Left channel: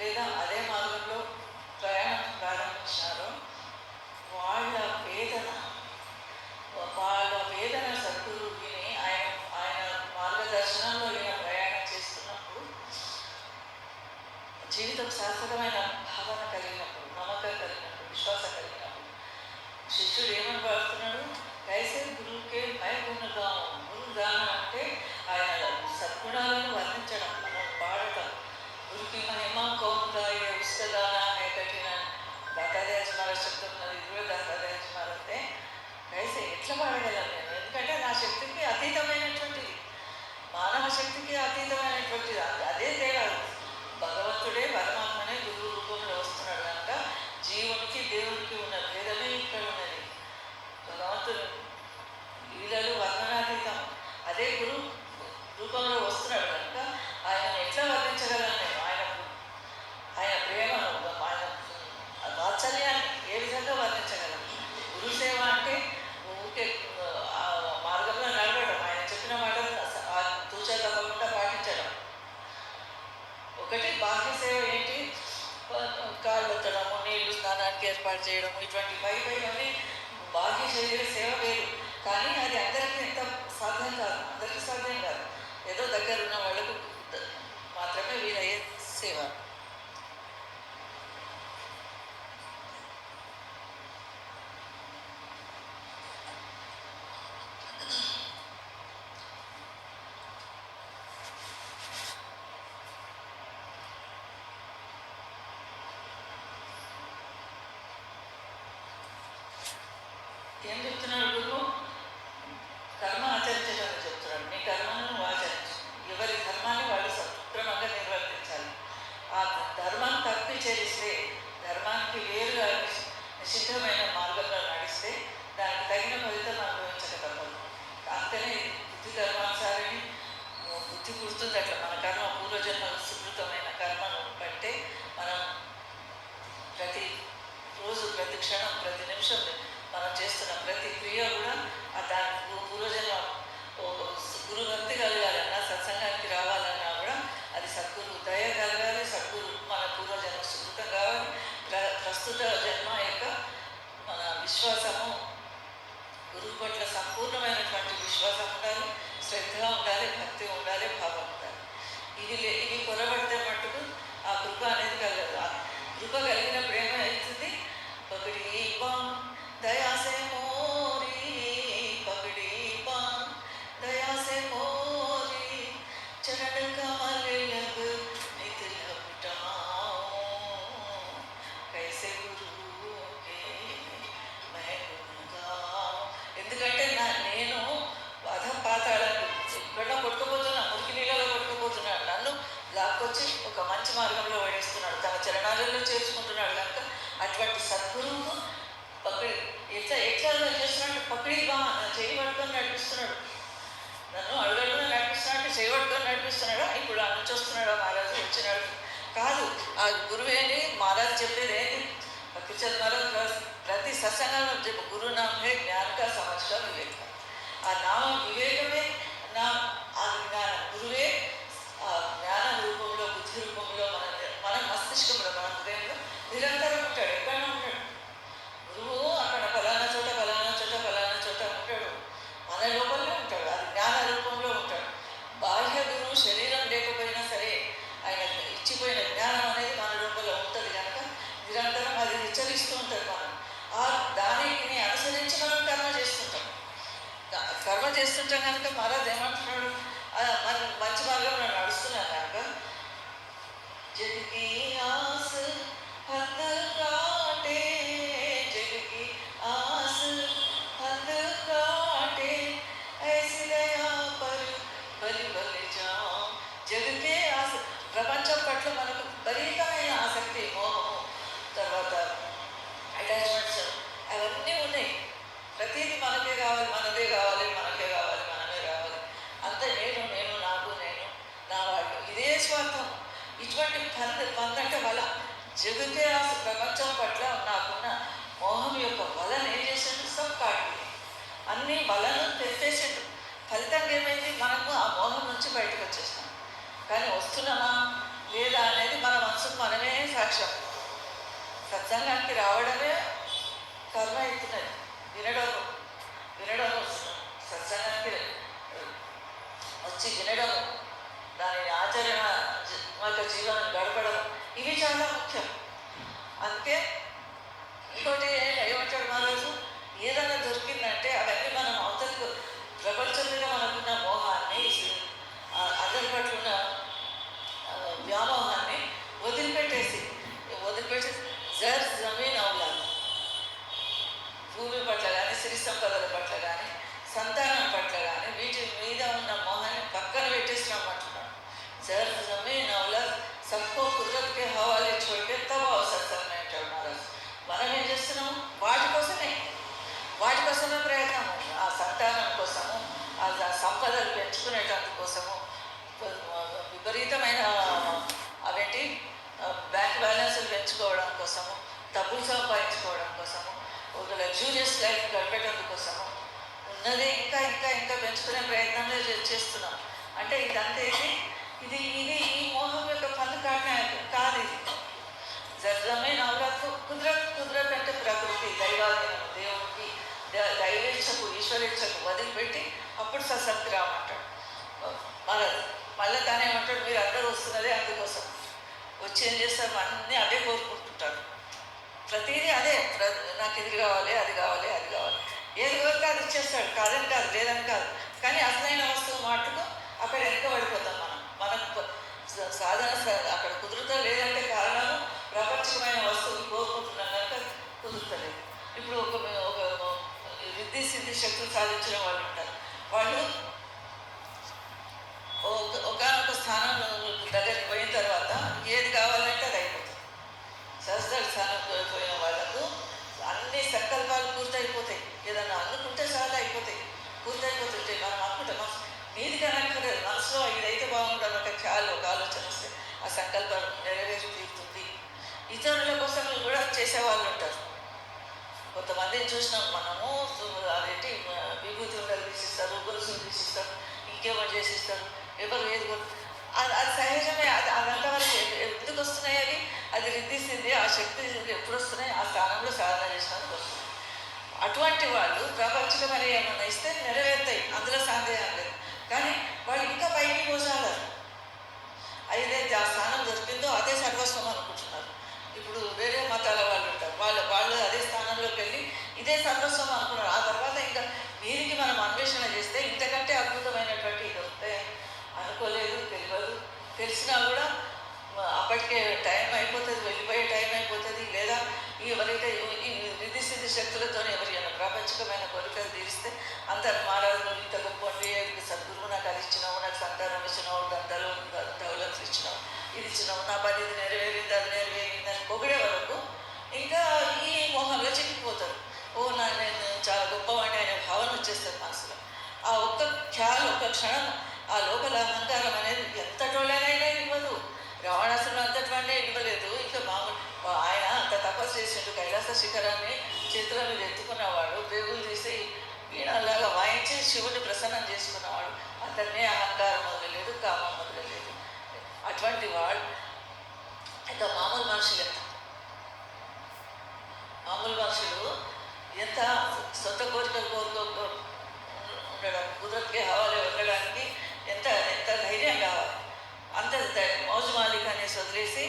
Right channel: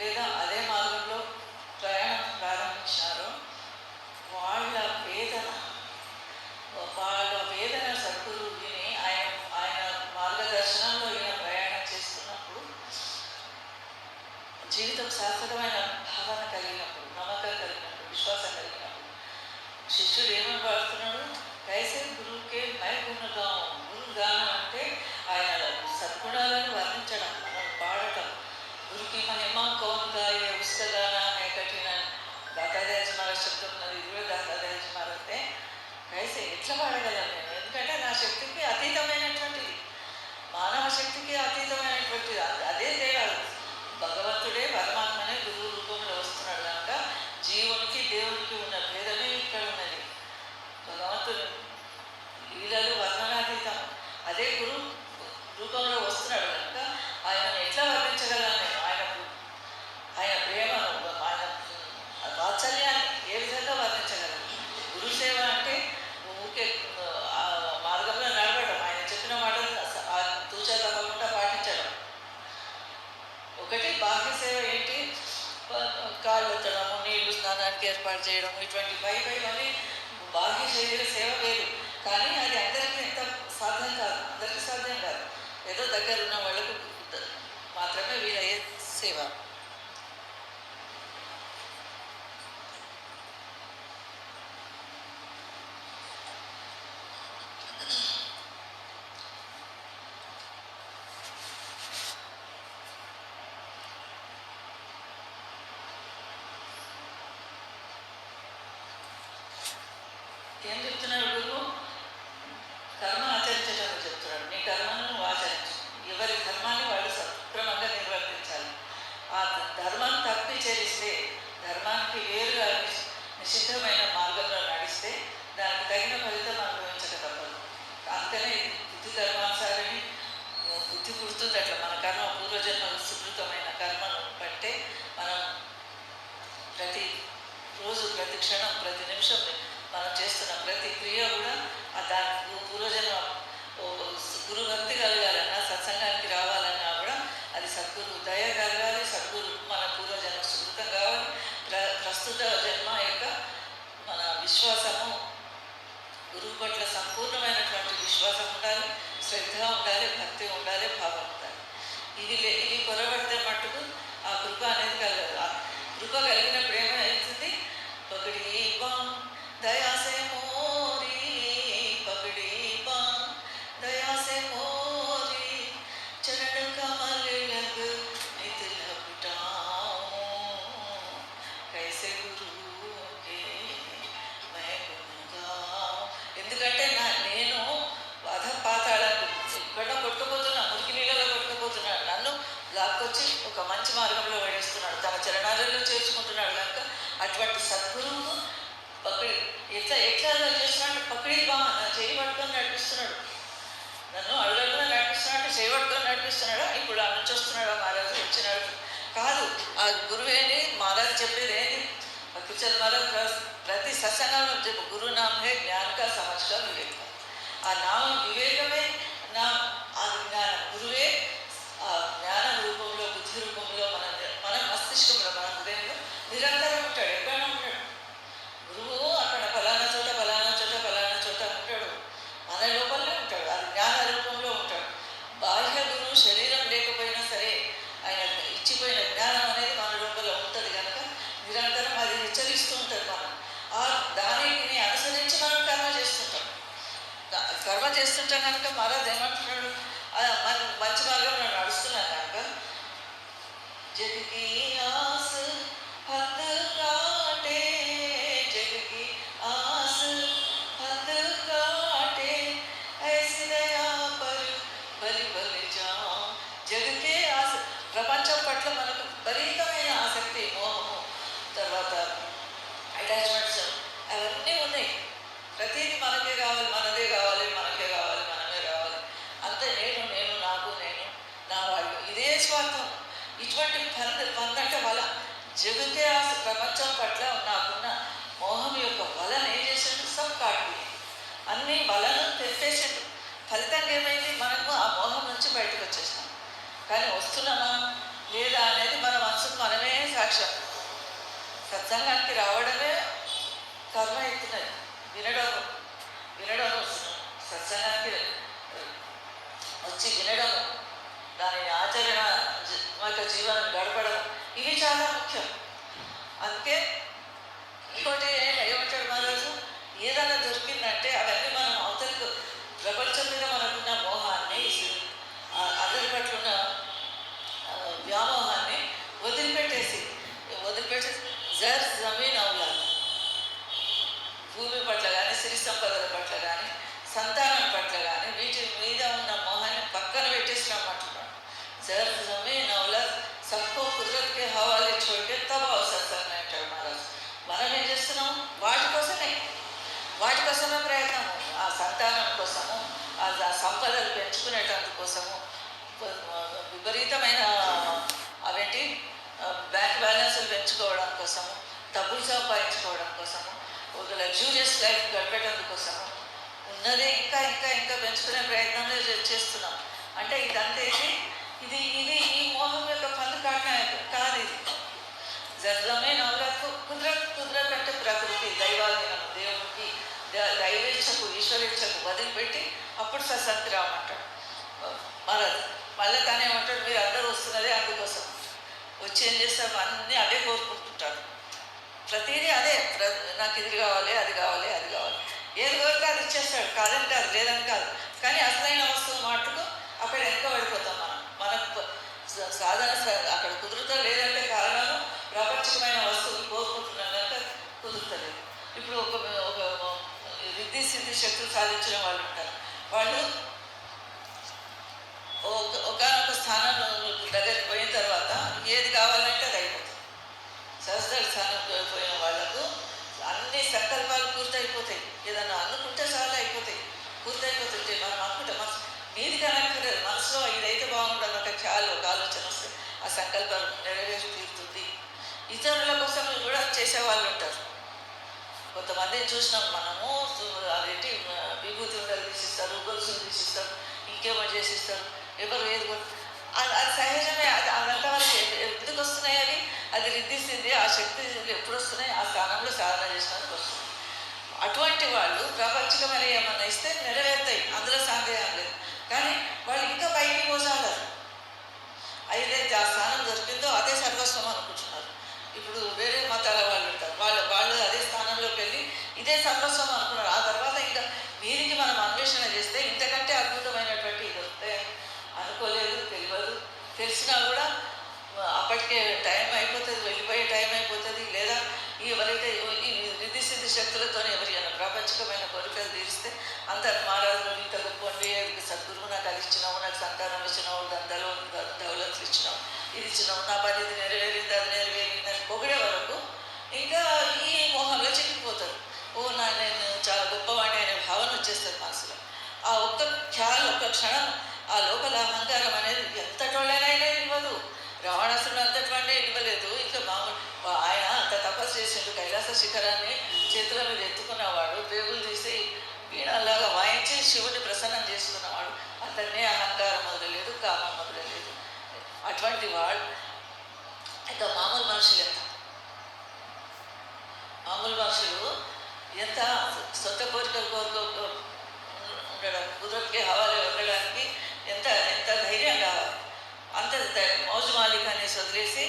లేదా అదే మార్గంలో ప్రయాణం ప్రారంభించారో వాళ్ళ వేదన సద్గురు విని ఆయన మార్గదర్శనంలో ఈయన ప్రయాణం చేస్తున్నప్పుడు జీవితం శాశ్వతమైన భావన కలిగినప్పుడు, నమ్మకం కలిగినప్పుడు, విశ్వాసం కలిగినప్పుడు శిష్యుడు ఏమని పాడుతున్నాడు? కైసే గురువుకే మై గుణగాం. గురుగానం అంటే ఆయన సద్గుణాలను వర్ణించడం, మనం పాడటం. గురుకి మహిమ కౌన్ గాయే ఉస్క గానా హై కఠిన. దాతాదేజ్ మహారాజ్ శబ్దం ఉన్నది, ఇది కూడా దాతాదేజ్ మహారాజే. కైసే ఎట్లా పాడగలను నేను? ఎందుకంటే నా శక్తికి అతీతమైనటువంటిది, మానవ శక్తికి అతీతమైనటువంటిది. అదే తేడా. భగవంతుడే పరమాత్మనే గురువు రూపంలో వస్తున్నాడు కనుక జీవునికి దేవునికి ఉన్న భేదమే ఇక్కడ ఉన్నది. భగవంతుడు లీలలు వర్ణనాతీతం. అదే గురువు రూపంలో వస్తున్నాడు కనుక ఆయనను ఎట్లా వర్ణించగలను నేను? ఆయన ప్రేమను, ఆయన వాత్సల్యాన్ని ఏ విధంగా వర్ణించగలను? గురుసేవ అంటే ఊరికే మార్గంలో నడవడం, ఆయన చెప్పిన మాటలు తూచా తప్పకుండా పాటించడం ఒకటి. బాహ్య సేవ ఏంటి? కాళ్ళు ఎత్తడము, నీళ్లు స్నానానికి ఏర్పాటు చేయడం, ఇటువంటి పైవన్నీ బాహ్య శరీర సేవ లేదు. కానీ అది అందరికీ ఎంత సాధ్యం కాదు, అందరికీ సాధ్యం కాదు. ఏదో దగ్గర ఉన్న వాళ్ళకు మాత్రమే వీలయ్యే సేవ. ఏం చెప్తున్నాడు గురువు? కర్మ ఆచరించడానికి చెప్తున్నాడు. నీ కర్మను నువ్వు ఆచరించు. ఎవరి ధర్మాన్ని వాళ్ళు సక్రమంగా నిర్వర్తించాలి. ఆ ధర్మం తప్పి చేరిస్తే, ధర్మానికి వేరుగా నిషిద్ధమైన మార్గంలో నడిస్తే దానికి తగిన ఫలితం అనుభవించక తప్పదు. అంతనే బుద్ధి ధర్మానుసారిని బుద్ధి పుడుతుంది. అట్లా మన కర్మ పూర్వజన్మ సుకృతమైన కర్మను బట్టే మనం ప్రతి రోజు, ప్రతి క్షణం, ప్రతి నిమిషం మనం చేస్తున్న ప్రతి క్రియ కూడా దానికి పూర్వజన్మ గురుభక్తి కలగాలన్నా, సత్సంగానికి రావాలన్నా కూడా అది సద్గురు దయ కలగాలి. సద్గురు మన పూర్వజన్మ సుకృతం కావాలి. ప్రస్తుత జన్మ యొక్క మన విశ్వాసము, గురువు పట్ల సంపూర్ణమైనటువంటి విశ్వాసం ఉండాలి, శ్రద్ధ ఉండాలి, భక్తి ఉండాలి, భావం ఉండాలి. ఇది కొరబడితే మట్టుకు ఆ కృప అనేది కలగదు. ఆ కృప కలిగినప్పుడు ఏమవుతుంది? పకడి బాం దయా సే మోరీ, పకడి బాం దయా సే మోరీ, చరణ్ కమల్ లగ్ నిత్ లపటాऊं, కైసే గురు కే మై గున్ గాऊं. ఎందుకంటే నేను పాతాళాలు ఇక్కడ కొట్టుకుపోతున్నా, మురికి నీళ్ళలో కొట్టుకుపోతున్నాడు. నన్ను లాక్కొచ్చి ఒక మంచి మార్గంలో పడేస్తున్నాడు, తన చరణాలలో చేర్చుకుంటున్నాడు కనుక అటువంటి సద్గురువు ఎట్లా చేస్తున్నాడు? పక్కడి చేయి పట్టుకొని నడిపిస్తున్నాడు. నన్ను అడుగడుగున నడిపిస్తున్నాడు. చేయి పట్టుకొని నడిపిస్తున్నాడా? ఇప్పుడు ఆ నుంచి వస్తున్నాడా మహారాజు? వచ్చినాడు కాదు. ఆ గురువేని మహారాజు చెప్పేది ఏంటి? భక్తిచంద్ మహారాజ్ ప్రతి సత్సంగంలో చెప్పు, గురు నామ్ హే జ్ఞాన్ కా సమజ్ కా వివేక్. ఆ నామం వివేకమే ఆ జ్ఞానం. గురువే ఆ జ్ఞానం రూపంలో, బుద్ధి రూపంలో మన మస్తిష్కంలో, మన హృదయంలో నిరంతరం ఉంటాడు. ఎక్కడైనా ఉంటాడు గురువు. అక్కడ ఫలానా చోట ఉంటాడు, మన లోపలనే ఉంటాడు. అది జ్ఞాన రూపంలో ఉంటాడు. బాహ్య గురువు శరీరం లేకపోయినా సరే ఆయన ఇచ్చిపోయిన జ్ఞానం అనేది మన లోపల ఉంటుంది కనుక నిరంతరం అది హెచ్చరిస్తూ ఉంటుంది. దానిని అనుసరించి మనం కర్మ చేస్తుంటాం కనుక మహారాజ్ ఏమంటున్నాడు? మనం మంచి మార్గంలో నడుస్తున్నాం కనుక జగకి ఆస్ హద్ కాటే, జగకి ఆస్ హద్ కాటే, ఐసి దయా పర్ బలి బలి జాం. జగకే ఆశ, ప్రపంచం పట్ల మనకు విపరీతమైన ఆసక్తి, మోహము, తర్వాత అటాచ్మెంట్స్ అవన్నీ ఉన్నాయి. ప్రతిదీ మనకే కావాలి, మనదే కావాలి, మనకే కావాలి, మనమే కావాలి. అంతే నేను నాకు నా వాళ్ళు, ఇదే స్వార్థం. ఇటువంటి పందంటే వల, జగతే ఆశ, ప్రపంచం పట్ల నాకున్న మోహం యొక్క వలను ఏం చేసిండు? సబ్ కాటి అన్ని వలను తెప్పేసిండు. ఫలితంగా ఏమైంది? మనకు ఆ మోహం నుంచి బయటకు వచ్చేసాం. కానీ వస్తున్నామా లేదా అనేది మన మనసుకు మనమే సాక్ష్యం. సత్సంగానికి రావడమే కర్మ అవుతున్నది. వినడం వినడం సత్సంగానికి వచ్చి వినడం, దాని ఆచరణ యొక్క జీవనం గడపడం, ఇవి చాలా ముఖ్యం. అందుకే ఇంకోటి ఏమంటాడు మహారాజు, ఏదైనా దొరికిందంటే అవన్నీ మనం అవతలకు ప్రపంచం మీద మనకున్న మోహాన్ని, అందరి పట్ల ఉన్న వ్యామోహాన్ని వదిలిపెట్టేసి జర్ జమీన్ అవులా, భూమి పట్ల కానీ, సిరి సంపదల పట్ల కానీ, సంతానం పట్ల కానీ, వీటి మీద ఉన్న మోహాన్ని పక్కన పెట్టేసి రమ్మంటున్నాడు. జర్ జమీన్ అవులా సబ్కో కుదరత్ కే హవాలే చోటే తబ అవసరం అంటాడు మహారాజు. మనం ఏం చేస్తున్నాము? వాటి కోసమే ప్రయత్నము. ఆ సంతానం కోసము, ఆ సంపదలు పెంచుకునేటందుకోసము, విపరీతమైన అవేంటి బ్యాంక్ బ్యాలెన్స్లు పెంచుకోవడం కోసము, డబ్బులు సంపాదించుకోవడం కోసము, ఒక లగ్జూరియస్ లైఫ్ గడిపేటందుకోసము ఉన్నది ఇంకా ఇంకా ఇంకా పెంచుకునే ప్రయత్నంలో చేస్తున్నాం. అంటే ఇదంతా ఇది ఈ మోహం యొక్క పందుకాట కాదు. ఇది జర్రమే నవలకు కుదరత్ అంటే ప్రకృతి, దైవాధీనం, దేవుడికి దైవేచ్ఛకు, ఈశ్వరేచ్ఛకు వదిలిపెట్టి అప్పుడు సత్సంగతి రామంటాడు మళ్ళీ తానేమంటాడు, మీరు అందరూ వస్తున్నదే అందుకోసం. వచ్చి ఏం చేస్తారు? అన్నీ అవే కోరుకుంటుంటారు. ప్రతిదీ అదే, నాకు ఇది కావాలి, అది కావాలి, అది కావాలి, ఏది కోరితే అది ఇచ్చేస్తాడు. కాదని కాదు, లేదని కాదు. కానీ అసలైన వస్తువు మాటకు అక్కడ ఎంత పడిపోతాం మనకు సాధన అక్కడ కుదురుతా లేదంటే కారణము ప్రాపంచికమైన వస్తువులు కోరుకుంటున్నాం కనుక కుదురుతలేదు. ఇప్పుడు ఒక రిద్ధి సిద్ధి శక్తులు సాధించిన వాళ్ళు ఉంటారు. వాళ్ళు ఒకనొక స్థానంలో దగ్గరికి పోయిన తర్వాత ఏది కావాలంటే అది అయిపోతుంది. సహస్ర స్థానంలో పోయిన వాళ్ళకు అన్ని సంకల్పాలు పూర్తయిపోతాయి. ఏదన్నా అనుకుంటే చాలా అయిపోతాయి, పూర్తయిపోతుంటే మనం అనుకుంటాం నీది కనుక మనసులో ఇదైతే బాగుంటుంది ఒక ఖ్యాలు, ఒక ఆలోచన వస్తే ఆ సంకల్పం నెరవేరి తీరుతుంది. ఇతరుల కోసం కూడా చేసేవాళ్ళు ఉంటారు. కొంతమందిని చూసినాం మనము, అదేంటి విభూతి ఉండలు తీసిస్తారు, గొలుసులు తీసిస్తారు, ఇంకేమో చేసిస్తారు, ఎవరు ఏది అది సహజమే. అదంతా వాళ్ళకి ఎందుకు వస్తున్నాయి? అది రిద్దిస్తుంది. ఆ శక్తి ఎప్పుడు వస్తున్నాయి? ఆ స్థానంలో సాధన చేసినందుకు వస్తుంది. అటువంటి వాళ్ళు ప్రపంచకమైన ఏమన్నా ఇస్తే నెరవేరుతాయి, అందులో సందేహం లేదు. కానీ వాళ్ళు ఇంకా పైకి పోసాగారు. ఏదైతే ఆ స్థానం దొరికిందో అదే సర్వస్వం అనుకుంటున్నారు. ఇప్పుడు వేరే మతాల వాళ్ళు ఉంటారు, వాళ్ళు అదే స్థానంలోకి వెళ్ళి ఇదే సర్వస్వం అనుకున్నారు. ఆ తర్వాత ఇంకా వీరికి మనం అన్వేషణ చేస్తే ఇంతకంటే అద్భుతమైనటువంటి ఇది వస్తాయి అనుకోలేదు, తెలియదు. తెలిసినా కూడా అప్పటికే టైం అయిపోతుంది, వెళ్ళిపోయే టైం అయిపోతుంది. లేదా ఎవరైతే ఈ రిద్ధి సిద్ధి శక్తులతో ఎవరైనా ప్రాపంచికమైన కోరికలు తీరిస్తే అందరు మహారాజు ఇంత గొప్పండి, సద్గురువు నాకు అది ఇచ్చినావు, నాకు సంతానం ఇచ్చినావు, దంతాలు దౌలతులు ఇచ్చినావు, ఇది ఇచ్చినావు, నా పని ఇది నెరవేరింది, అది నెరవేరింది అని పొగిడే వరకు ఇంకా ఈ మోహంలో చిక్కిపోతారు. నేను చాలా గొప్పవాడిని అనే భావన వచ్చేస్తుంది మనసులో. ఆ ఒక్క క్షణం ఆ లోపల అహంకారం అనేది ఎంతటోళ్ళనైనా ఇవ్వదు. రావణాసురుడు అంతటివాడే ఇవ్వలేదు. ఇంకా ఆయన అంత తపస్సు చేసిండు, కైలాస శిఖరాన్ని చేతుల మీద ఎత్తుకున్నవాడు, పేగులు తీసి వీణలాగా వాయించి శివుని ప్రసన్నం చేసుకున్నవాడు. అతన్నే అహంకారం మొదలలేదు, కామం మొదలలేదు. అటువంటి వాడు ఇంకా మామూలు మనుషులు ఎంత సొంత కోరికలు ఉండడం, కుదరకే హవాలే ఉండడానికి ఎంత ధైర్యం కావాలి. అంత మౌజు మాలిక్ అనేసి వదిలేసి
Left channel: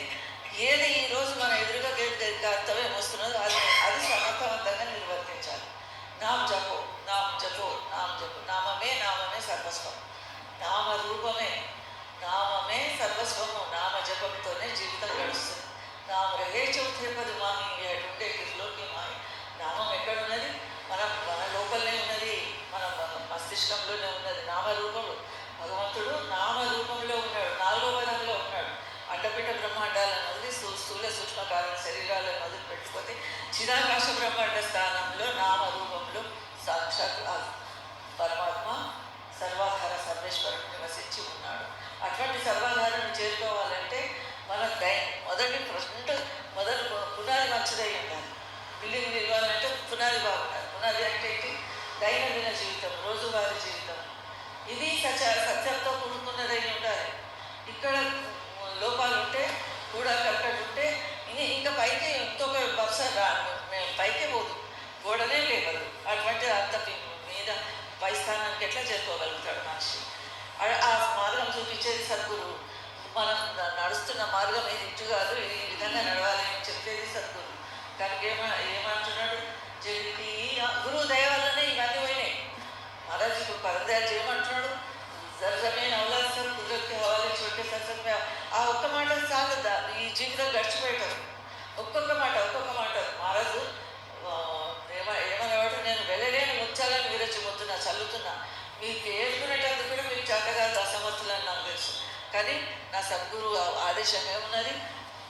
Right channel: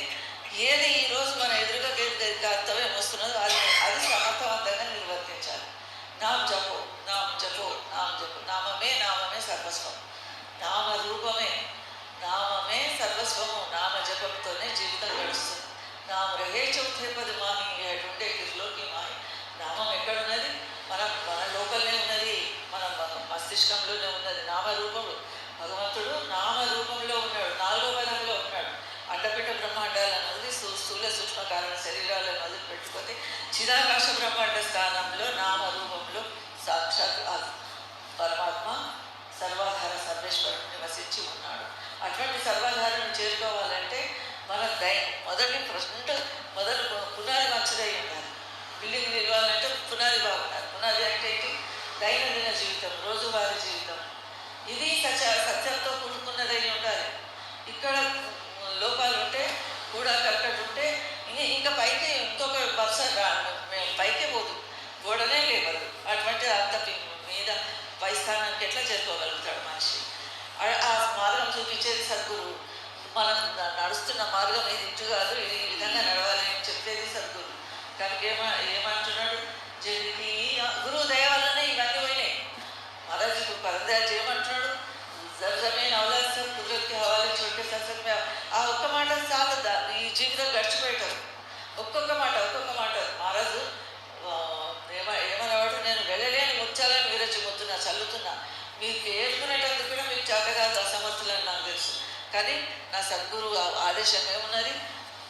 ఏది ఈరోజు మన ఎదురుగా కర్తవ్యం వస్తున్నదో అది సమర్థవంతంగా నిర్వర్తించాలి. నామ జపో నామమే సర్వస్వం. నామమే సర్వస్వము. నామ జపంతోనే జీవితం గడుస్తుంది. నామ రహే చౌథే పది మాహి ఉండే కిర్లోకి మాహి. నామం ఎక్కడున్నది? మన లోపలనే ఉన్నది, మన మస్తిష్కంలోనే ఉన్నది. నామరూపములు భగవంతుడు నామరూపంలో ఉన్నాడు, 4వ పదంలో ఉన్నాడు. అండపిట్ట బ్రహ్మాండాలను వదిలి స్థూల సూక్ష్మ కారణ శరీరాలను వదిలి పెట్టుకొని చిదాకాశ బ్రహ్మాండ స్థానంలో నామరూపంలో సాక్షాత్ పరమాత్మ సర్వాధార సర్వేశ్వరుడు నివసించి ఉన్నాడు. అటువంటి సర్వాధారను చేరుకోవాలంటే మన మొదలు పునాది మంచిదై ఉండాలి. బిల్డింగ్ నిలవాలంటే పునాది బాగుండాలి. పునాది అంటే ఏంటి? దైనందిన జీవితం, రోజువారీ జీవితం. ఇది సత్యంతో కూడుకున్నదై ఉండాలి. ఇక్కడ లోపాలు ఉంటే కూడా కరెక్ట్ ఉంటే ఇంకా పైకి ఇంకొక వరుస మేము పైకే పోదు, గోడనే లేవదు. అటువంటి అంత మీద పై స్థానానికి ఎట్లా చేరుకోగలుగుతాడు మనిషి? ఆ మార్గం చూపించేది సద్గురువు. మనం నడుస్తున్న మార్గం ఇది ఇటు కాదు, ఈ విధంగా నడవాలి అని చెప్పేది సద్గురువు. కనుక ఏమంటున్నాడు? జరిగి గురువు దయ వల్లనే ఇవన్నీ పోయినాయి. మహారాజుకు పరదయాలు ఏమంటున్నాడు? జర్జమైన అవలాసం కుదరత్కి హవాలి చోటే సత్సంగ. ఆ ఒక్క మాట చాలు ఈ జీవితం గడిచిపోయేటారు. ఒక్కొక్క మాట మహారాజు ఏమనేవాడు? నేను వెళ్ళలేని ముత్యాలను విరచిపోతున్నా, చల్లుతున్నా. మీకు ఏడుకునేటందుకు కూడా మీకు చేతగాదు, అసమర్థులని నాకు తెలుసు. కానీ నా సద్గురువు ఆదేశం ఏమున్నది?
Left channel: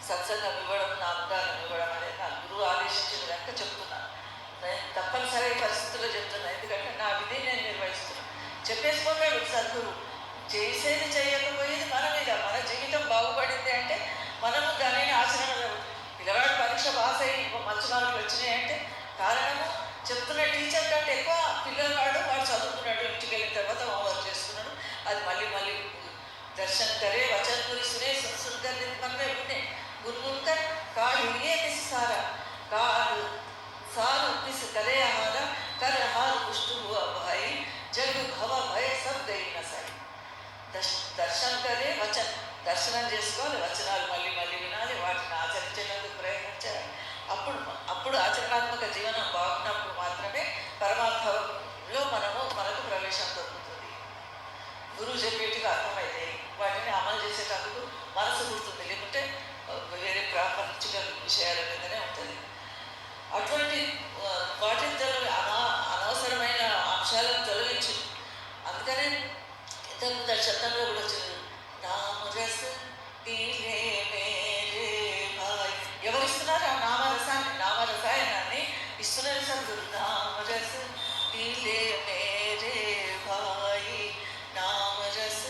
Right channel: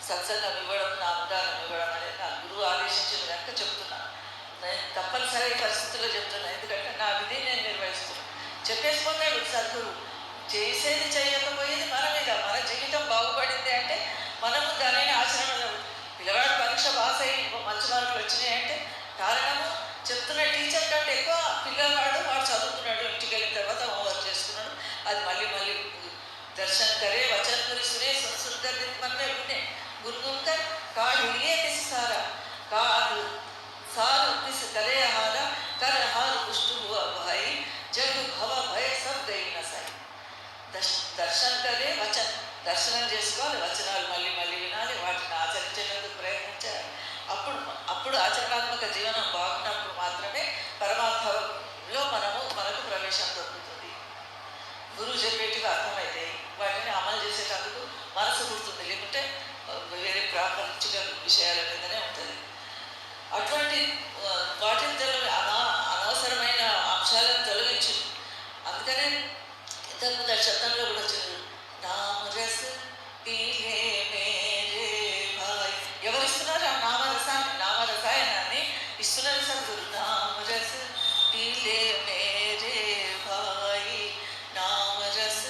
సత్సంగం ఇవ్వడం, నా అవగాహన ఇవ్వడం అనేది నా గురువు ఆదేశించిన కనుక చెప్తున్నాను. నేను తప్పనిసరి పరిస్థితుల్లో చెప్తున్నాను, ఎందుకంటే నా విధి నేను నిర్వహిస్తున్నాను. చెప్పేసుకున్నాడు సద్గురు. చేసేది చేయకపోయేది మన మీద. మన జీవితం బాగుపడింది అంటే మనము దానిని ఆచరణలో. పిల్లవాడు పరీక్ష పాస్ అయ్యి మంచి మార్కులు వచ్చినాయంటే కారణము చెప్తున్న టీచర్ కంటే ఎక్కువ పిల్లవాడు వాడు చదువుకున్నాడు, ఇంటికి వెళ్ళిన తర్వాత హోంవర్క్ చేసుకున్నాడు. అది మళ్ళీ దర్శన్ కరే వచన్ గురి సునే సంస్కృత మనమే వినే గురుగుంకర్ కాడు ఇయే కిసి సారా కాడు सार किस करे हारा कर हार पुष्ट हुआ भाई जग भव भय सब गई नसाई. దర్శనం కరే వచన్, దర్శనం చేసుకోవాలి, వచనాలు మళ్ళీ వినాలి, వాటిని ఆచరించేందుకు ప్రయత్నించాలి. అప్పుడు ఆచరణాత్మక జీవనం బాగున్నప్పుడు మాత్రమే పరమాత్మలో మనకు ప్రవేశం దొరుకుతుంది. గురువు చెప్పేట్టుగా అర్థమైతే వాటిని అమలు చేసేటందుకు మనసు గుర్తుంది, లేకుంటే వేరే ప్రాపంచిక విషయాల మీదనే ఉంటుంది. అటువంటి వాటిని అనవసరమైన అంశాలను తొలగించు. అందుకనే ఇంతకుముందు శబ్దంలో కూడా వచ్చింది, నామరస పీలే మేరే భాయ్. ఎవరిస్తున్నారు ఆ నామరసాయనాన్ని? ఇస్తున్నారు సద్గురు. నామరస పీలే మేరే భాయ్, నామరస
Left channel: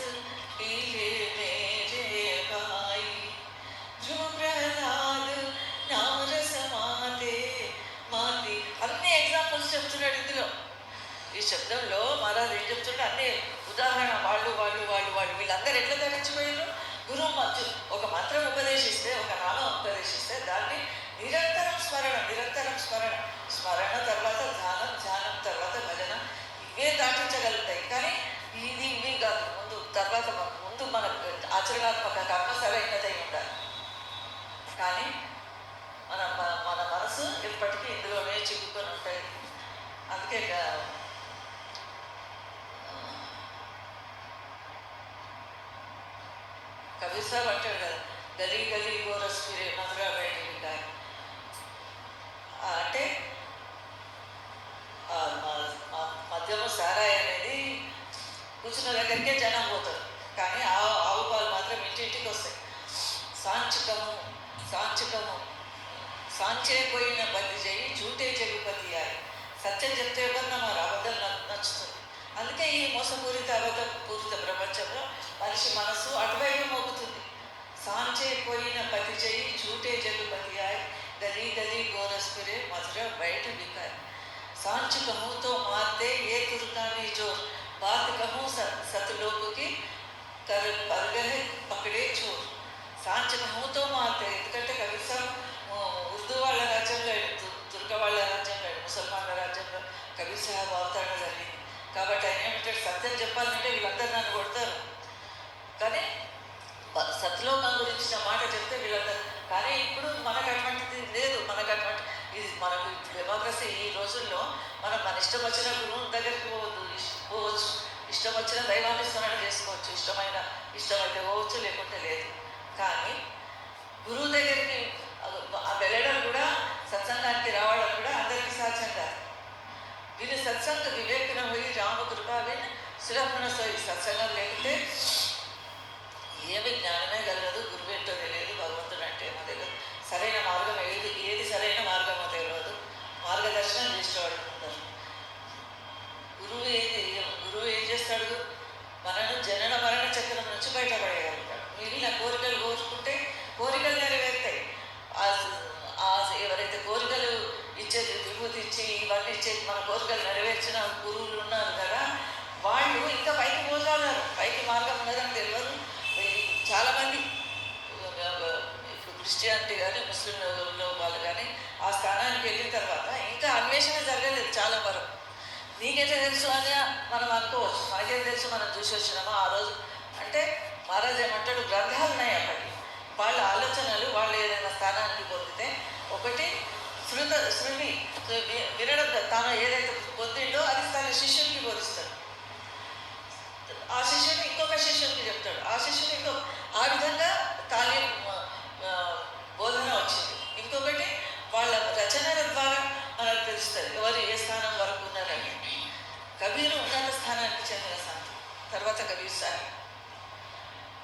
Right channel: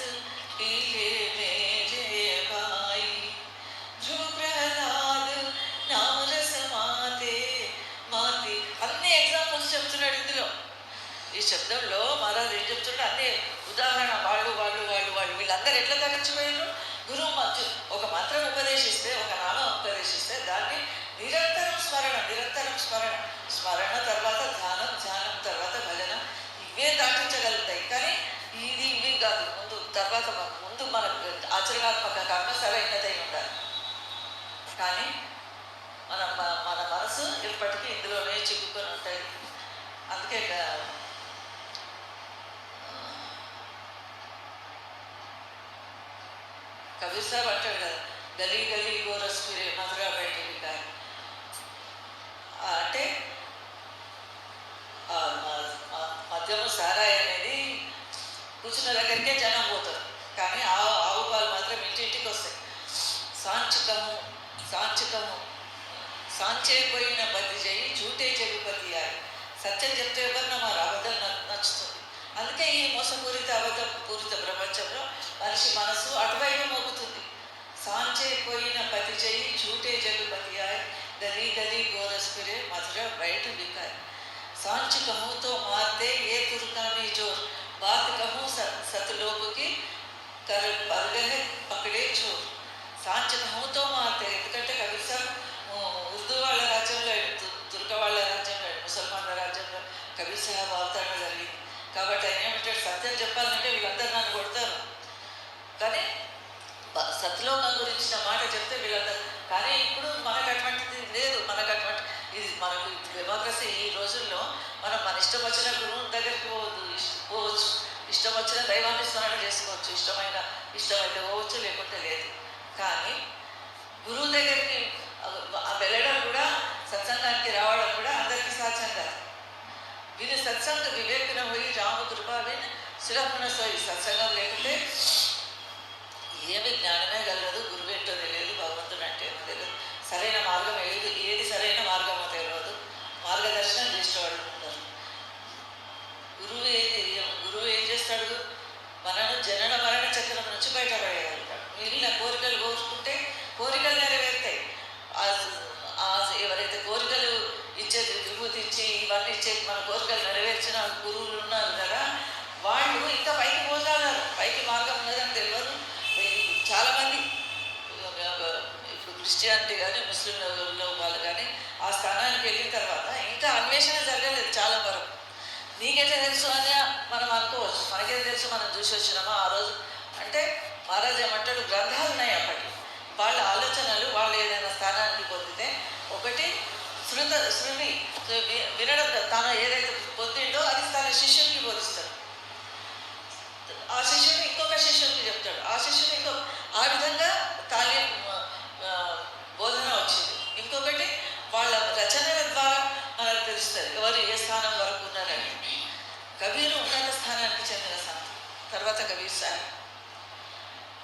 పీలే మేరే భాయ్. ధ్రువ ప్రహ్లాద్ నామరస మాతే మాతి. అన్ని ఎగ్జాంపుల్స్ చెప్తున్నాడు ఇందులో. ఈ శబ్దంలో మహారాజు ఏం చెప్తున్నాడు? అన్ని ఉదాహరణ. వాళ్ళు వీళ్ళందరూ ఎట్లా ధరించిపోయారు? గురువు ఒక మంత్రం ఉపదేశిస్తే, ఒక నామం ఉపదేశిస్తే దాన్ని నిరంతరం స్మరణ, స్మరణ తర్వాత ధ్యానం తర్వాత భజన. ఇవే దాటించగలుగుతాయి. కానీ ఇవి కాదు. ముందు మన ఆచరణాత్మక కర్మ సరైనదై ఉండాలి. కానీ మన మనసు ఎప్పటికీ ఇందులోనే చిక్కుకొని ఉంటాయి. అందుకే కబీర్ సాబ్ అంటాడు కదా, గలీ గలీ గోరస్ ఫిరే మధురా బయటికి కానీ. అంటే మద్యము సారాయి అనేది కూర్చున్న దగ్గరికే జనం పోతారు, కానీ ఆవు పాలు మాత్రం ఇంటింటికి వస్తాయి. సాంచికము సాంచే పోయిన పతి చేయి జూటే జగుపతి ఆయి. సత్యం చెప్తే ఎవరన్నా మరి అబద్ధం నచ్చుతుంది. అందుకే ఈ మోసపూరిత అబద్ధపూరిత ప్రపంచంలో మనిషి మనసు అటువైపు మోగుతుంది. సాంచే పోయిన పతి చేయి జూటే జగుపతి ఆయి, గలీ గలీ గోరస్ ఫిరే మధుర బయట బికాయి. सांच कहूँ तो मारते ये तुर्कानी जोर, बात कहूँ सतलोक की कर पर गए पकड़े चोर. सांच कहूँ तो मारते. ఎందుకంటే కబీర్ సాబ్ ఉర్దూ వాళ్ళ రాజ్యంలో, తుర్క వాళ్ళ రాజ్యంలో, ముసల్మాన్ల రాజ్యంలో కబీర్ సాహెబ్ అవతరణ జరిగింది. కాబట్టి ఆయన ఏమంటాడు, సత్యం చెప్పాలంటే వీళ్ళందరూ నన్ను కొడతారు, కానీ సత్లోకం గురించిన మాట చెప్తే వీళ్ళందరూ. కానీ ఇప్పుడు మనకు అటువంటిది లేదు. మనకు డెమోక్రసీ ఈ రోజుల్లో మన ఇష్టం వచ్చిన గురువు దగ్గరికి పోవచ్చు, ఇష్టం వచ్చిన దైవాన్ని స్మరణ చేసుకోవచ్చు, ఇష్టమైతే పోవచ్చు, లేకుంటే లేదు. కానీ గురువు దగ్గరికి వెళ్ళడం కూడా, సత్సంగానికి రావడం కూడా అందరికీ సాధ్యం కాదు. వీళ్ళు సత్సంగ వివేకన పోయి రామకృప విని సులభన సోయి. సత్సంగం లేకుంటే ఏమి జ్ఞానమే కలగదు, గురువు ఏంటో తెలియదు, భగవంతుడు అంటే ఏమో తెలియదు, సరైన మార్గం ఏది సరైన మార్గమో తెలియదు, మార్గదర్శనం చేసేవాడు ఉంటారు. గురువు ఏం చేస్తాడు? మనను జనన మరణ చక్రం నుంచి బయటపడేయగలుగుతాడు. మిగిలిన కోరికలు కోరుకుంటే కోరికలు నెరవేరుతాయి. ఎవరైతే కోరికలు ఇచ్చేది, విభూతి ఇచ్చి ఇవన్నీ ఇచ్చేది, మన కోరికలు నెరవేర్చిన గురువులు ఉన్నారు కదా, వాళ్ళు ఇంకా పైకి పోగలరు. పైకి మార్గం ఉన్నదని తెలియదు చాలామంది. ఇప్పుడు క్రిస్టియానిటీ కానీ ముస్లింలలో వాళ్ళు కానీ ఆ స్థానానికి వెళ్ళిన తర్వాత ఇంకా అన్వేషణ జరగలేదు చాలా వరకు. నీకైతే తెలుసు అని మనం అనుకోవచ్చు, మనకేం తెలుసు మనం చూసి వచ్చినామా ఆ రోజు అంటే. మహారాజ్ ఏమంటాడు, గ్రంథాలు ఉన్నాయి అప్పటి, వాళ్ళ ఆలోచనలు వాళ్ళు ఏదైనా స్థానానికి పొందితే ఒకటి శృతి వినడం, తాను ఏదైతే పొందిండో అది తన శిష్యునికి బోధిస్తాడు, ఆ శిష్యుడు ఇంకొక శిష్యునికి చెప్తాడు, ఆ శిష్యుడు ఆ విధంగా తాలీం బోధన వచ్చింది. ఇంకొకటి వాళ్ళ రచనల ద్వారా మనకు తెలుస్తుంది ఎవరు ఏ స్థానం వరకు ఉన్నారని. కబీరు ఉన్నత స్థానానికి చెందిన సంత, తర్వాత కబీర్ సాహెబ్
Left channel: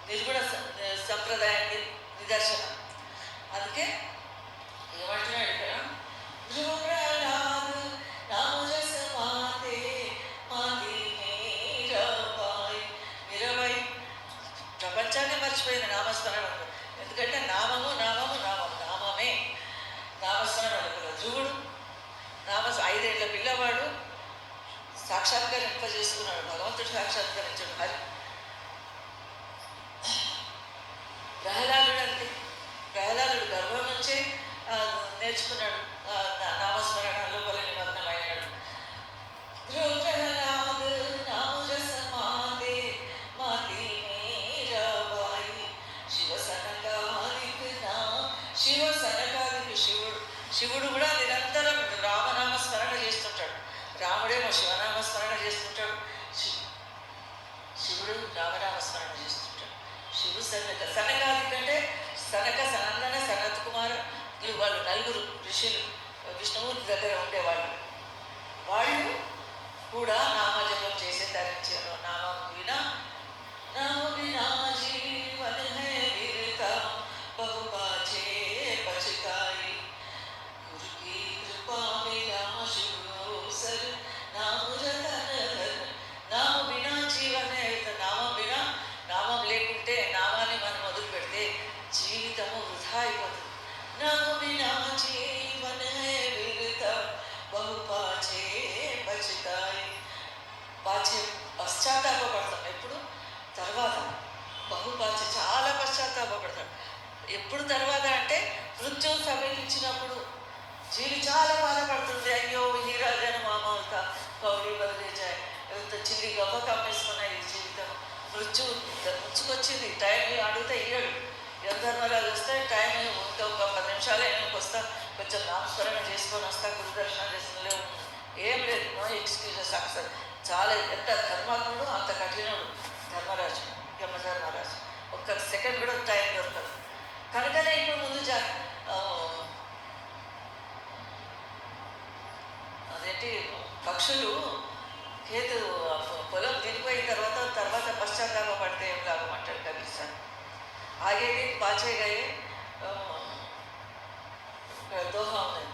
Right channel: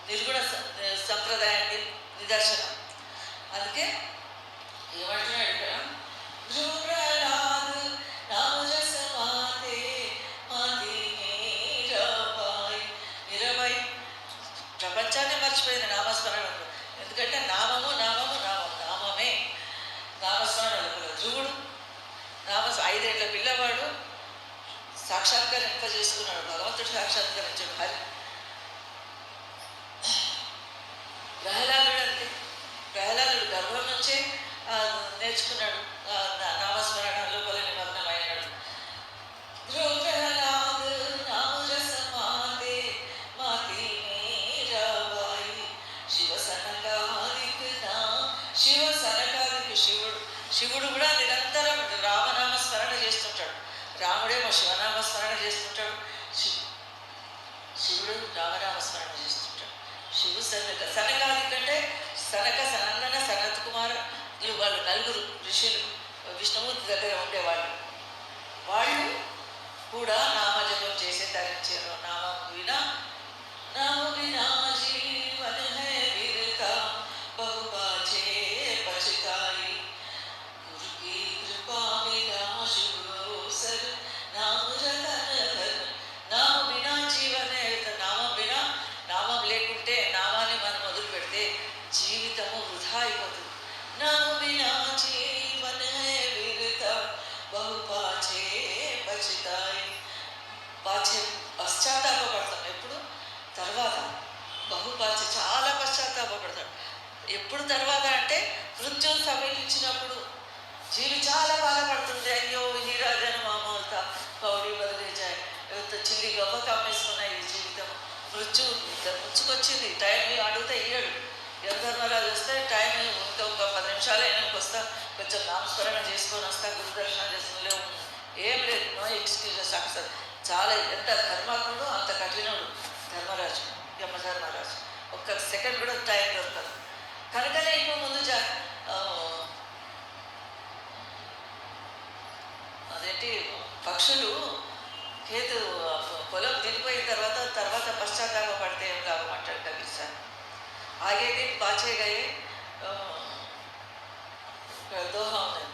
నిర్గుణ సంప్రదాయానికి నిదర్శనం. అందుకే ఏమంటున్నాడు ఇక్కడ, ప్రపంచాన్ని మర్చిపోయింది నామస్మరణలో. ఎందుకంటే నామము నామము నామం, నామమే నామస్మరణలు. ధ్రువుడు 5 ఏళ్ల పిల్లవాడు సాక్షాత్కరింపజేసుకున్నాడు, భగవంతుడు సాక్షాత్కరించాడు హరి. ప్రహ్లాదుడు అంతే, ప్రహ్లాదుడు గర్భం నుంచే నేర్చుకున్నాడు నామస్మరణ, లోపల నిమగ్నమైనాడు. శివుడు కూడా నిరంతరం రామనామస్మరణ చేస్తుంటాడు, రాముడేమో శివనామస్మరణ చేస్తుంటాడు, శివుడు రామనామస్మరణ చేస్తుంటాడు. శివు సనకాది కంటే సనందన సనత్ కుమార్ వాళ్ళు 4 ఋషులు విష్ణుమూర్తి దగ్గర ఉండేవాళ్ళు. వాళ్ళు కూడా నామజపం చేసే ధరించారు. నామం వినా జీవన వీరత బహుబాచే పచితాయి గురుకి కృపా మిలా శివోసర్ నామ వినా జీవన, నామం వినా, నామం లేకుంటే నామాన్ని మనం మొదలు పెడితే జీవితము వృధా అయిపోతుంది. నామ వినా జీవన వీరత బహుపాచే పచితాయి, పాచే పశ్చాత్తాపడతాం ఎప్పుడు తర్వాత, బహుపాచ చాలా పశ్చాత్తాపడతాడు ఎప్పుడు తర్వాత అంటే మృత్యువు సమీపించినప్పుడు. జీవి చాలా బాధపడుతుంది, అయ్యో హీరాజన మామూలుత కౌడి బదిలేజాయి, చిల్లి గొప్ప కమ్మేసుకున్నాయి ఈ జీవితం, మృత్యువు ముంచుకొచ్చింది, టైం అడిగితే ఇయ్యడు. ధర్మరాజు వస్తే టైం ఇంకొక 10 నిమిషాలు అయినాక వస్తా, కొంచెం నామస్మరణ చేసుకొని వస్తా, గురుదర్శనం చేసుకుని ఏం లేదు, నో ఎక్స్క్యూజెస్. అసలు చాలా ఎంత ధర్మాత్ముడు అంత కఠినుడు ధర్మరాజు, యమధర్మరాజు. ఒక్క సెకండ్ కూడా టైం దొరకదు. కనుకనే ఇప్పుడు ముందు అదేంటి పక్షులు కేతు పొలం తిరిగిపోయిన తర్వాత పశ్చాత్తాప పడితే ఏం లాభం అంటాడు కబీర్ సార్. ఆగేది బాచే గయే దోహా ఉన్నది,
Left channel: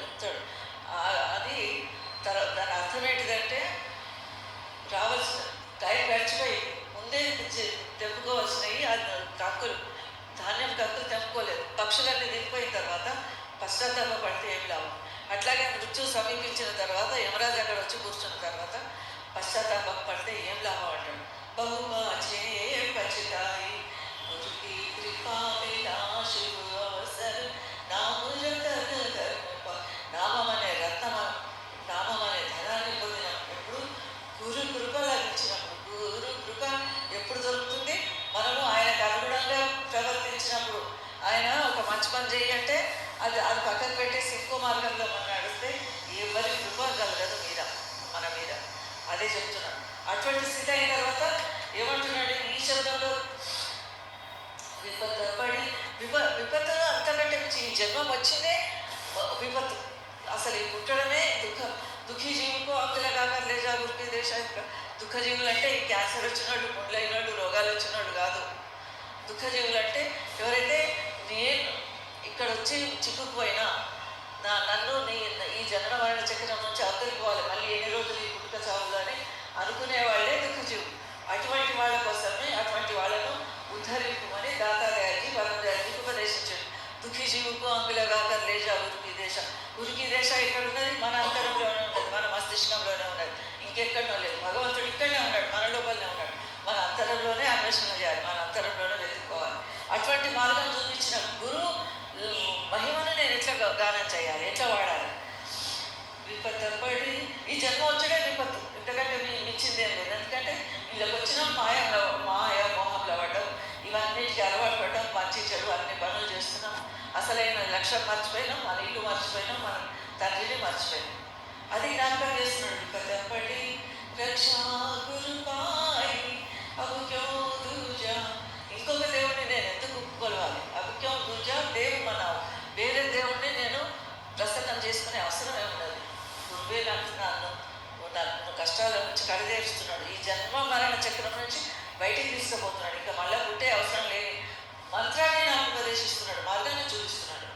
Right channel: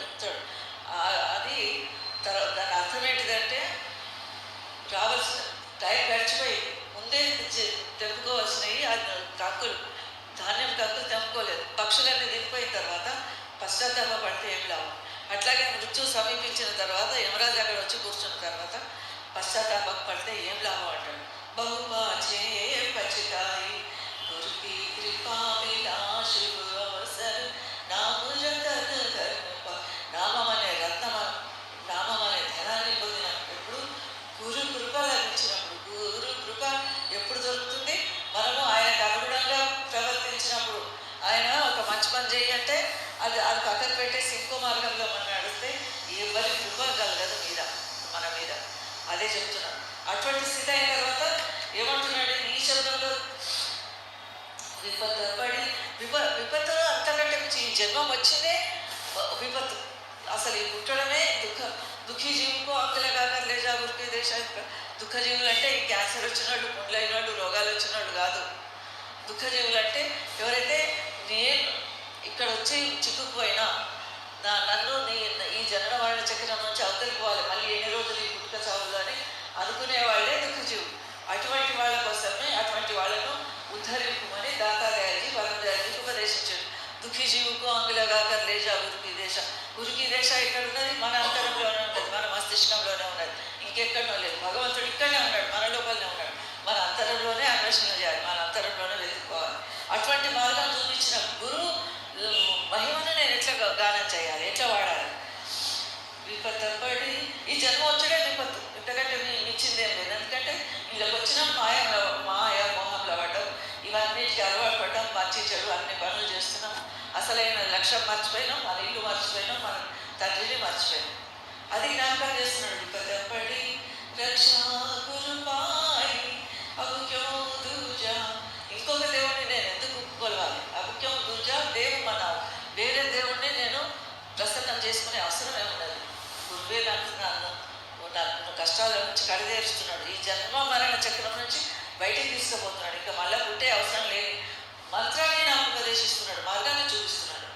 చెప్తాడు అది. దాని అర్థం ఏంటిదంటే రావాల్సిన టైం గడిచిపోయి ముందే తెంపుకోవాల్సినవి కంకులు, ధాన్యం కంకులు తెంపుకోలేదు. పక్షులన్నీ దిగిపోయిన తర్వాత పశ్చాత్తాప పడితే ఏం లాభం. అట్లాగే మృత్యు సమీపించిన తర్వాత యమరాజు అక్కడ వచ్చి కూర్చున్న తర్వాత పశ్చాత్తాపం పడితే ఏం లాభం అంటాడు. బహుబాచే పచితాయి గురుకి కృపా మిలా శివ అవసర్ నామం అనే రత్నం, నామం అనే ధనాన్ని పొందినప్పుడు, గురు కృప లభించినప్పుడు. గురు కృప ఎప్పుడు దొరుకుతుంది? మనము ఆయనకు అనుగుణంగా ప్రవర్తించినప్పుడు. ఆయన ఒక మంచి పని చేయంటే అది పక్కకు పెట్టేసి ఇంకో మార్గంలో మనం నడిస్తే ఎవరి కృప కలగదు మన మీద. అదే చెప్తున్నాడు. అటువంటి స్థితి అయిన తర్వాత ఏమంటున్నాడు ఈ శబ్దంలో, విపత్తు పడి విపత్తు అంతకంటే ఈ జన్మం వచ్చిందే విపత్తు. అసలు ఈ పుట్టడమే దుఃఖీ జీవుకు ఆకుల కాక లేజా గురికి దేశ. దుఃఖజీవులు అంటే ఈ క్యాన్సర్ వచ్చినాడు, గుండెలైనాడు, రోగాలు వచ్చినాడు కాదు. దుఃఖజీవులు అంటే ఎవరైతే నేను ఇక్కడ వచ్చి చిక్కుకుపోయినా నన్ను ఈ జనన మరణ చక్రం నుంచి అవతలిపోవాలి, మళ్ళీ ఎన్ని రోజులు ఈ పుట్టుక చావులు అని అనుకునే వాళ్ళే దుఃఖజీవులు. అటువంటి వాళ్ళ కోసమే అటువంటి వాళ్ళను ఉద్ధరింపుమని దాతాదయాజీ వరదయాజీకి ఉపదేశించాడు. దుఃఖీ జీవుకు అంగులగా లేజా ఉరికి దేశ ఇక్కడ ఉన్నది, మన అంతరంలోనే ఉన్నది, మన మస్తిష్కంలోనే ఉన్నది, ఇంకెక్కడనో లేదు. భగవంతుడు ఇక్కడనే ఉన్నాడు, మన లోపలనే ఉన్నాడు. మన అంతరంలోనే అన్వేషణ చేయాలి. మన అంతరంలోనే వెతుక్కోవాలి. అటువంటి మార్గం చూపించిన గురువు మహిమను నేను ఎట్లా గానం చేయాలి, ఎట్లా వాడాలి. విపత్తపడి ఈ జన్మ వచ్చడే విపత్తు, ఇంతకంటే మించిందేం లేదు. ఎందుకంటే వీళ్ళకి వచ్చిన మాయ మోహంలో పడ్డం, ఇవన్నిటికి అలవాటు పడ్డం, మంచి చెడు అన్ని పనులు చేస్తున్నాం. అసలైన లక్ష్యం మర్చిపోయినాం, మన ఇల్లు మర్చిపోయినాం, మన తండ్రిని మర్చిపోయినాం. అది జ్ఞాపకం చేస్తున్నాడు. విపత్తపడి రక్షా గురుపాయి అబుక్యం దూజా. ఇంకొక దేవుడిని నేను ఎందుకు కొలవాలి? అబుక్యం దూజా దేవు మనావు, వేరే దేవుడిని నేను ప్రసన్నం చేసుకునే అవసరమే ఉండదు. గురువే నన్ను కష్టాల నుంచి కడిదేరుస్తున్నాడు. ఈ జన్మ మరణ చక్రం నుంచి బయటికి తీసుకుపోతున్నాడు. ఇంకా మళ్ళీ పుట్టే అవసరం లేని మంత్రాన్ని నాకు ఉపదేశిస్తున్నాడు, మార్గాన్ని చూపిస్తున్నాడు.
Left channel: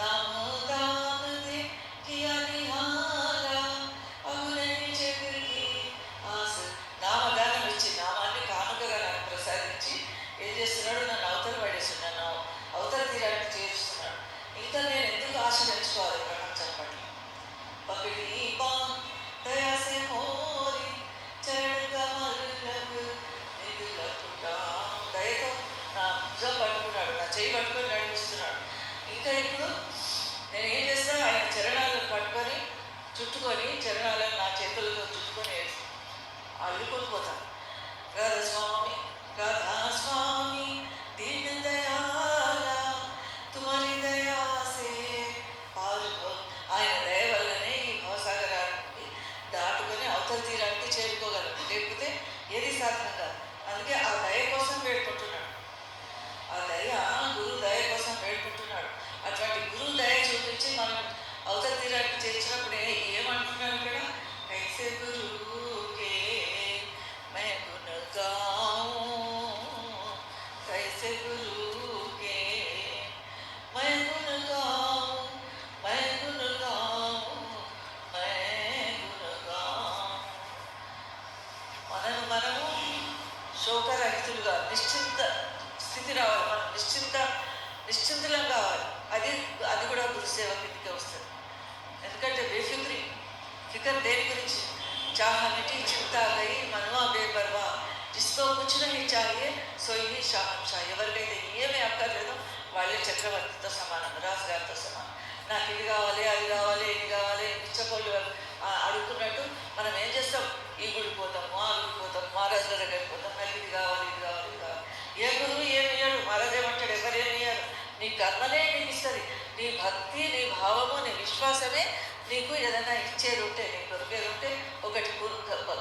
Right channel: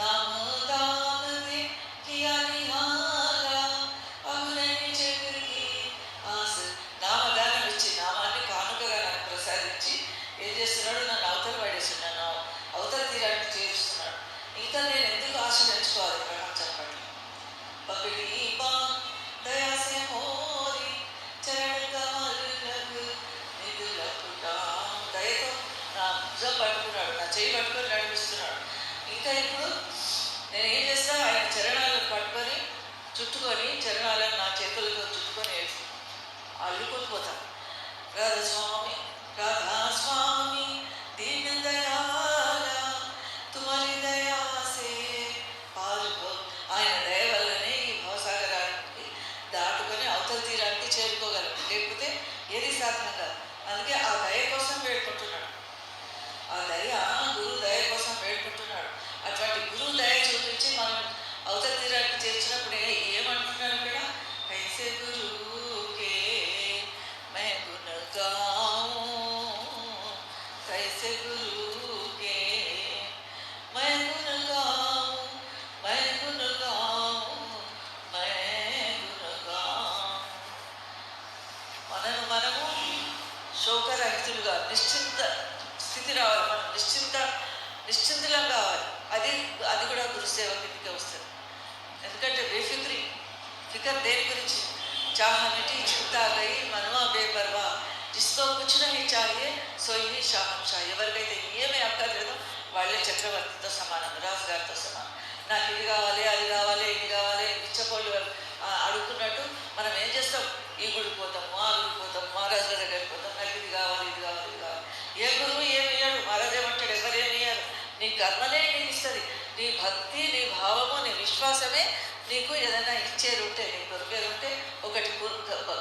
నామదానది నామదానం ఇచ్చి, నామాన్ని కానుకగా నాకు ప్రసాదించి ఏం చేస్తున్నాడు? నన్ను అవతల పడేస్తున్నాడు, నన్ను అవతల తీరానికి చేరుస్తున్నాడు. ఇంకా నేను ఎందుకు ఆశ పెంచుకోవాలి ప్రపంచం పట్ల? పకడి దయాసే మోరి చరణగమలకు నిధులకుటా. దయతో నా భుజం పట్టుకున్నాడు, నా చేయి పట్టుకొని నడిపిస్తున్నాడు. ఇంకా ఇప్పుడు నేను ఏం చేస్తా? ఆయన చరణాలను పట్టుకొని చుట్టుకొని, చరణాలను నా చేతులతో చుట్టుకొని అల్లుకొని పోతాను. రాధాస్వామి రాధాస్వామి దీన దయాల తుమరి దయాసే పాల్గొ. ఆయన దయ వల్లనే ఈ భవసాగరానికి దాటుకొని అవతల తీరానికి చేరుకోగలం, లేకపోతే ఏది సాధన కాదు. అందుకే ఆ దయ కోసం వేడుకుంటున్నాడు. ఆ దయ గురువు దయ కోసం వేడుకుంటున్నాడు. అటువంటి గురువు దయ చూపించి మనం అవతల తీరానికి చేర్చినప్పుడు ఏమంటున్నాడు ఇక్కడ? కైసే గురువుకే మే గుణ గాऊं, కైసే గురువుకే మే గుణ గాऊं, మే గుణ గాऊं, మే గుణ గాऊं. మనము శోకరహితులుగా నిశ్చింత స్థితి రావాలి. మనం నిశ్చింతలం కావాలి. అది కూడా గురుసేవ కిందకే వస్తుంది. ఎందుకంటే ఫికర్ దేని గురించి? చాహ మిటి చింతా గయి మనవా బేపర్వా, జిస్కో కుచ్ నహీ చాహియే సోయి షాహంషా. ఎవరికైతే ఏమీ అక్కర్లేదో వాళ్ళే చక్రవర్తితో సమానం, రాజు గారితో సమానం. నాకు ఇది కావాలి, అది కావాలి, ఇది కావాలి, ఇచ్చపోళ్ళు అడుగుతున్నట్టు మనం ఏం చేస్తాం? ఈ గుడికి పోతాము, ఆ గుడికి పోతాం, మహారాజు దగ్గరికి పోతాం, నాకు ఇది కావాలి, ఇది కావాలి, ఇది కావాలి. ఏ గురువు ఏమి ఇయ్యాడు, మహారాజు ఏమంటాడు? ఎవరేమి ఇయ్యారు. నీ కర్మనే నీకు ఇస్తుంది. నీ భక్తి, నీ భావము, నీ విశ్వాసమే నీకు ఏదైనా ఇచ్చేది ఉంటే, నీ దొరికేది ఉంటే. ఒకటి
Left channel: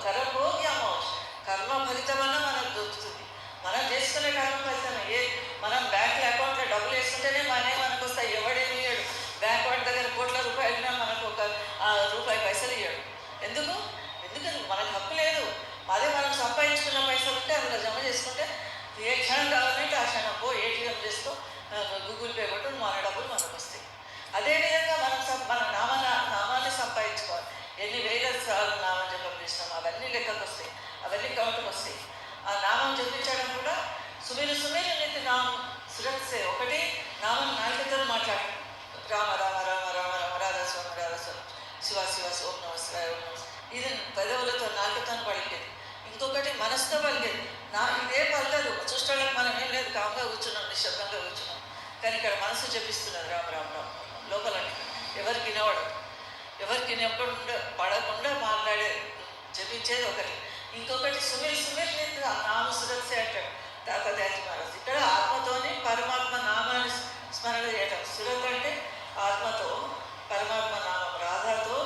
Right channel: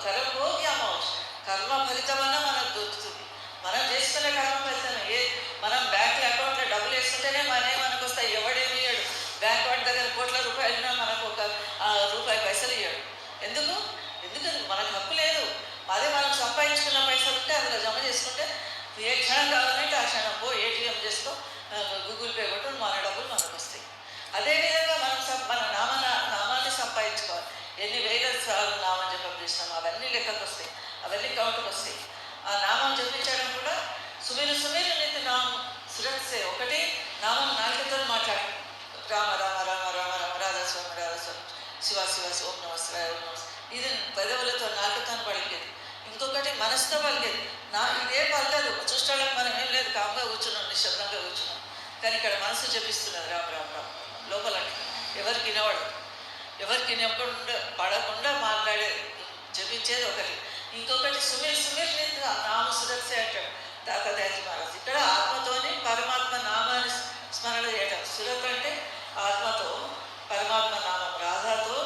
కర్మభోగి అమ్మవచ్చు, కర్మ ఫలితమన్నా మనకు దొరుకుతుంది. మనం చేసుకునే కర్మ ఫలితమే. మనం బ్యాంక్ అకౌంట్లో డబ్బులు వేస్తుంటేనే మనకు వస్తాయి. ఎవడేమి ఇయ్యాడు? బ్యాంక్ వాడి దగ్గర కోట్ల రూపాయలున్నా మనకు ఒక రూపాయి పైసలు ఇయ్యాడు. ఎందుకు? మనకు హక్కు లేదు. అదే మనం సంపాదించుకున్న పైసలు ఉంటే అందులో జమ చేసుకుంటే ఏ క్షణం కావాలంటే ఆ క్షణం పో, ఏటీఎం చేసుకో, గూగుల్ పే కొట్టు, మన డబ్బులు మనకు వస్తాయి. అదేవిధంగా మన నామాన్ని సంపాదించుకోవాలి. ఎన్ని వేల సార్లు నామం జపం చేసినాం అవన్నీ లెక్కకు వస్తాయి, అవన్నీ కౌంట్కి వస్తాయి. ఆ నామం జపించడం కూడా సుమీరు నీతి నామం సురక్షే. ఒకటి నామం నాలుకతో మాట్లాడు, రామ రామ రామ రామ రామ రాధాస్వామి రాధాస్వామి, శివ శివ ఓం నమస్కారం ఓం నమస్కారం. ఇది పెదవులతో నాలుకతో పలికేది. ఇంకొకటి మనసుతో పలికేది. ఇదే పలకదు. చూడడానికి మనం ఏం లేదు, కామ్గా కూర్చున్నాం, నిశ్శబ్దంగా కూర్చున్నాం. కానీ ఇక్కడ మనసు జపిస్తున్నది రామ రామ రామ లోపల. ఎవరికి వినపడకుండా పడకుండా మాట్లాడే జపించేది ఒకటి. ఇంకొకటి సుమీర్ నామ సురక్ష అంటాడు తాతదాజీ మహారాజ్. ఇక్కడ ఆత్మతోని పరమాత్మ నామాన్ని స్మరణ చేయటం. సురత్ అంటే ఆత్మతో పరమాత్మ నామం, రాధాతో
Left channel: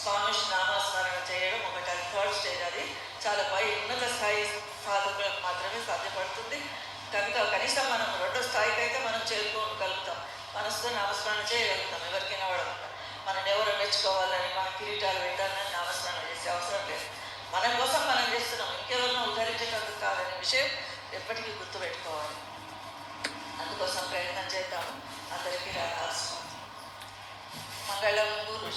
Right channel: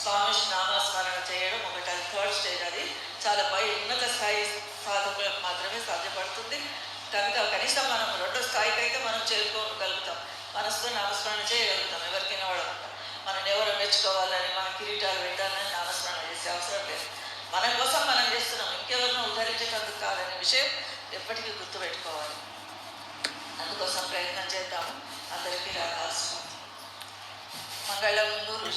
స్వామి నామస్మరణ చేయడం ఒకటి. అది థర్డ్ స్టేజ్. అది చాలా ఉన్నత స్థాయి సాధకులకు మాత్రమే సాధ్యపడుతుంది. కనుక కనీసం మనం రెండో స్థాయికి అయితే మనం చేరుకోగలుగుతాం. మనసుతో నామస్మరణ చేయగలుగుతాం. ఎవరికైనా వాడకుండా మనం ఎవరు మెచ్చుకోవాలని, మన కిరీటాలు పెట్టాలని నామస్మరణ చేసే అవసరం లేదు. మన కోసం మనం చేస్తున్నాం, ఇంకెవరినో ఉద్ధరించేటందుకు కాదనే విషయం ఎప్పటికీ గుర్తుపెట్టుకోవాలి. అందుకోసం ప్రయత్నం చేద్దాము. అందరికీ రాధాస్వామి మంగళం గురు